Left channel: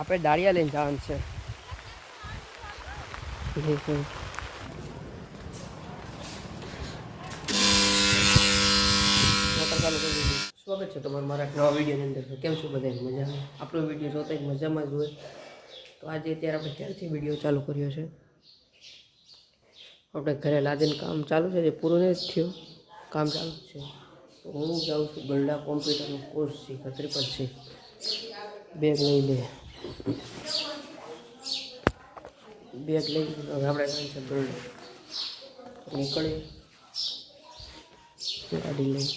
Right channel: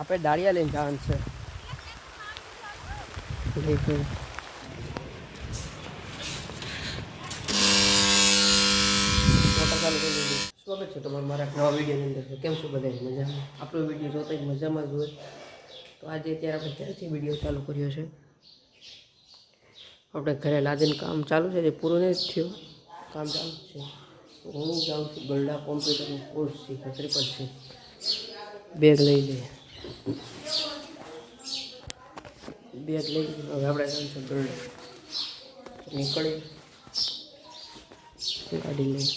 આપણે દાળિયા લઈને જવાનું છે. મોટર સ્વાગત છે તમારું મારા નવા વિડીયોની અંદર. કેમ છો બધા? મજામાં? આપણો વીડિયો જોતા જ મજામાં જ હોય. તો આજે અત્યારે આપણે ક્યારથી વીડિયો ચાલુ કર્યો છે? આપણે ઘરે લાદીને કામ ચાલુ છે, જે પૂરું નથી થયું. કામ ચાલુ છે. તો હું જાઉં છું ગરડા કોમ્પ્યુટરનો કોર્સ શીખા ત્રિપલ છે બેગ લઈ લે બેગ લઈ હવે આપણે છે ગરડા નીકળીએ ગાડી લઈ.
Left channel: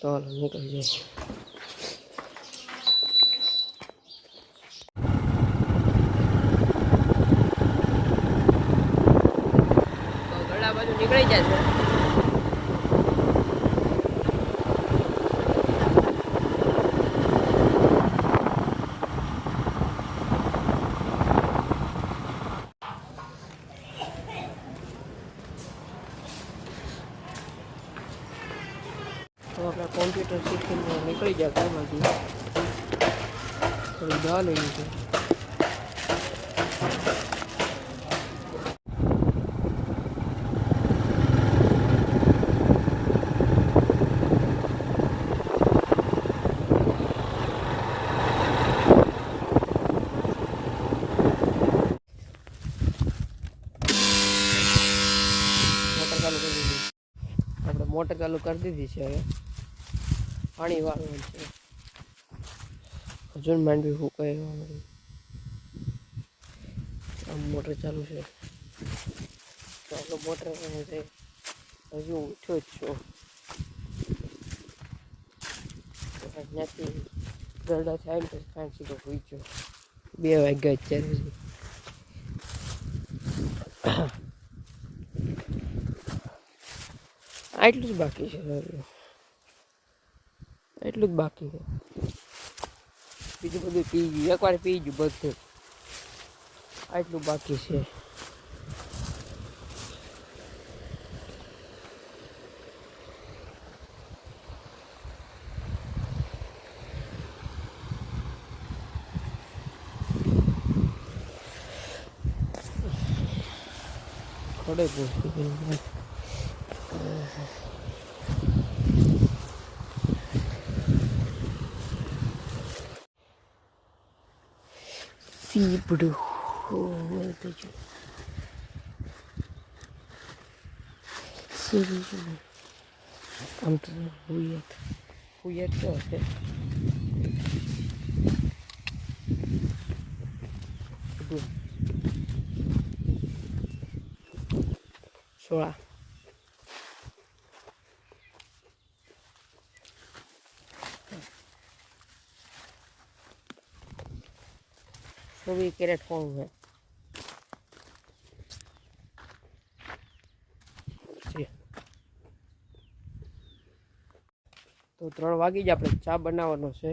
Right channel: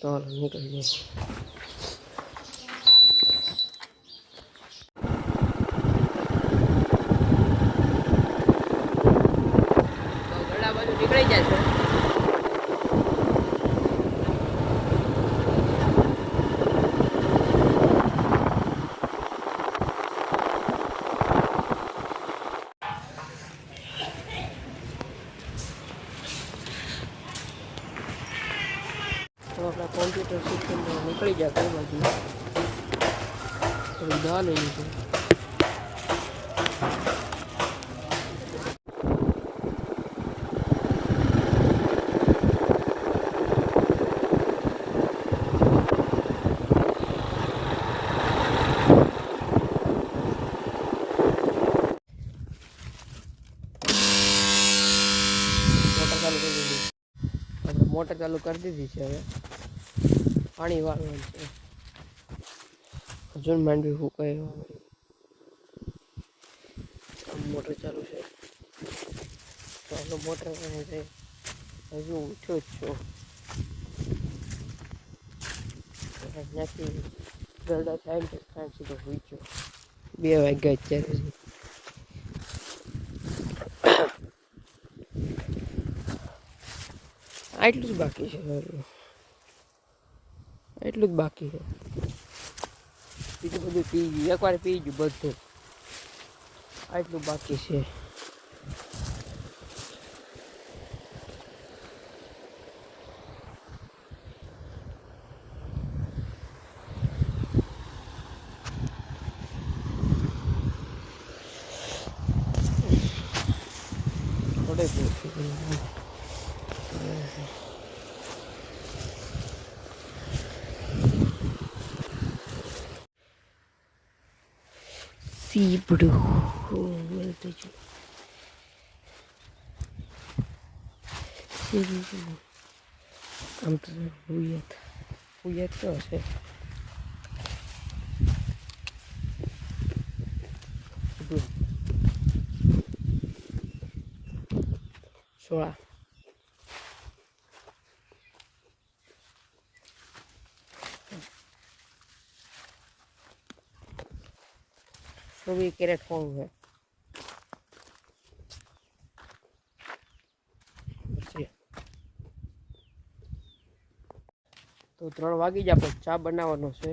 તો હાલો, નીકળી બાજુ નીકળી જાય છે. તો આપણે કોમ્પ્યુટર શીખીને નીકળી જાય ઘર બાજુ. થોડી દવા લઈ લીધી. મોટર ચાલુ કરી દીધી. આપણે મોટર ચાલુ કરી દીધી છે હવે. પાણી વાળવાનું છે. હજુ માંડવી ફૂંકાય એવા મળી. મોટર ચાલુ છે. ચાલો મોટર છે. હજુ ઉઠ્યો જ છો. ત્યાંથી ગરડા થાય ને તો સીધો હોઈ ગયો. બે વાગ્યા અત્યારે આટલું જ બાકી છે. એટલું જ બાકી છે. બીજું બધું પી ગયું. એકવાર પી ગયું બધું. આટલું બાકી છે. થોડે જ фибры. Серьезно. Там тоже хует. Хует тоже. Сюда. ચોવીસ કેરેટ હોવું છે. તો ત્રણ વાગી જ આપણે ચા બનાવવાનો છે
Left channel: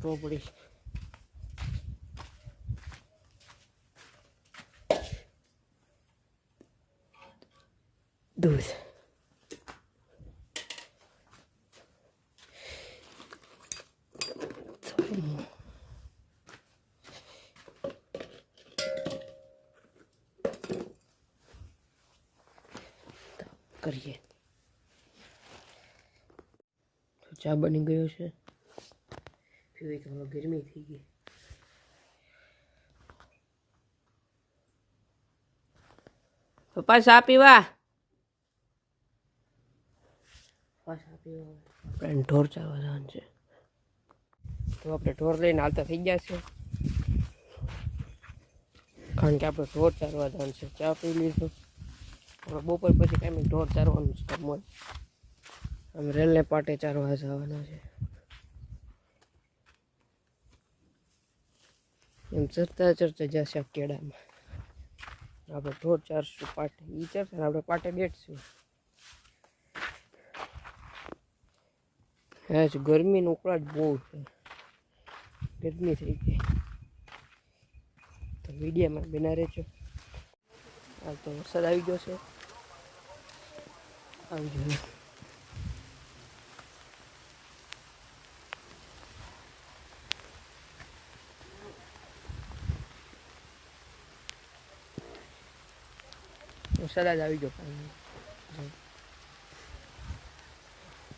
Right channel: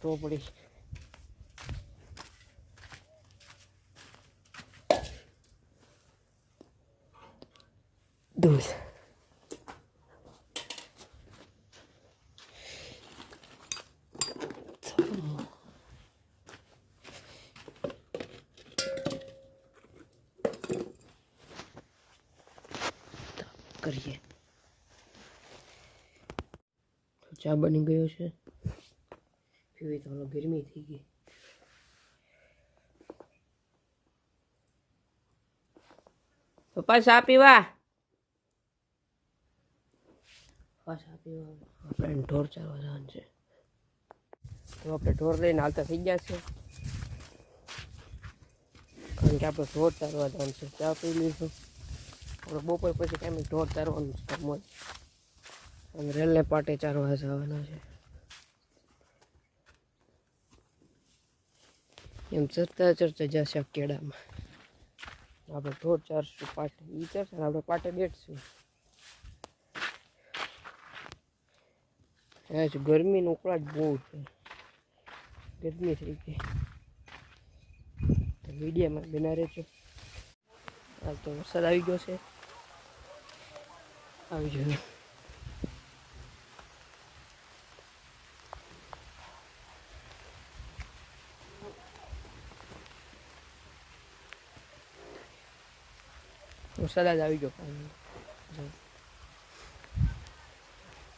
તો ટોપડી દૂધ કરીએ ચા બની ગયો છે પીવી તો ગરમી થઈ ગઈ. પપ્પા ચા પીવા? ચા પીવા આપણે ઢોર ચારવા જવાનું છે. તો આપણે ઢોર લઈને હાલતા થઈ ગયા છે. કારણ કે આપણે ઢોર ચારવા જવાનું છે. ચા પી લીધું. આપણે બપોર પછી કેમ ઢોર ચારવાનું છે કામ હોય. રેલને પાટે ચારવા જવાના છે. એમ ચરતા ચરતા જશે કેળામાં. આપણે ઢોર ચારશું, પાટે. એ ચરશે ને આપણે પાટે બેઠશું. હે જ ગરમીનો ઉકળાટ બહુ છે. ગરમી થઈ ગઈ. તો મીડિયામાં બના રહેજો. હાલ તો વરસાદ આવી ગયો છે. આવી ગયો. વરસાદ જ આવી ગયો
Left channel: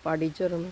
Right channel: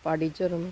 પાર્ટી ચર અમે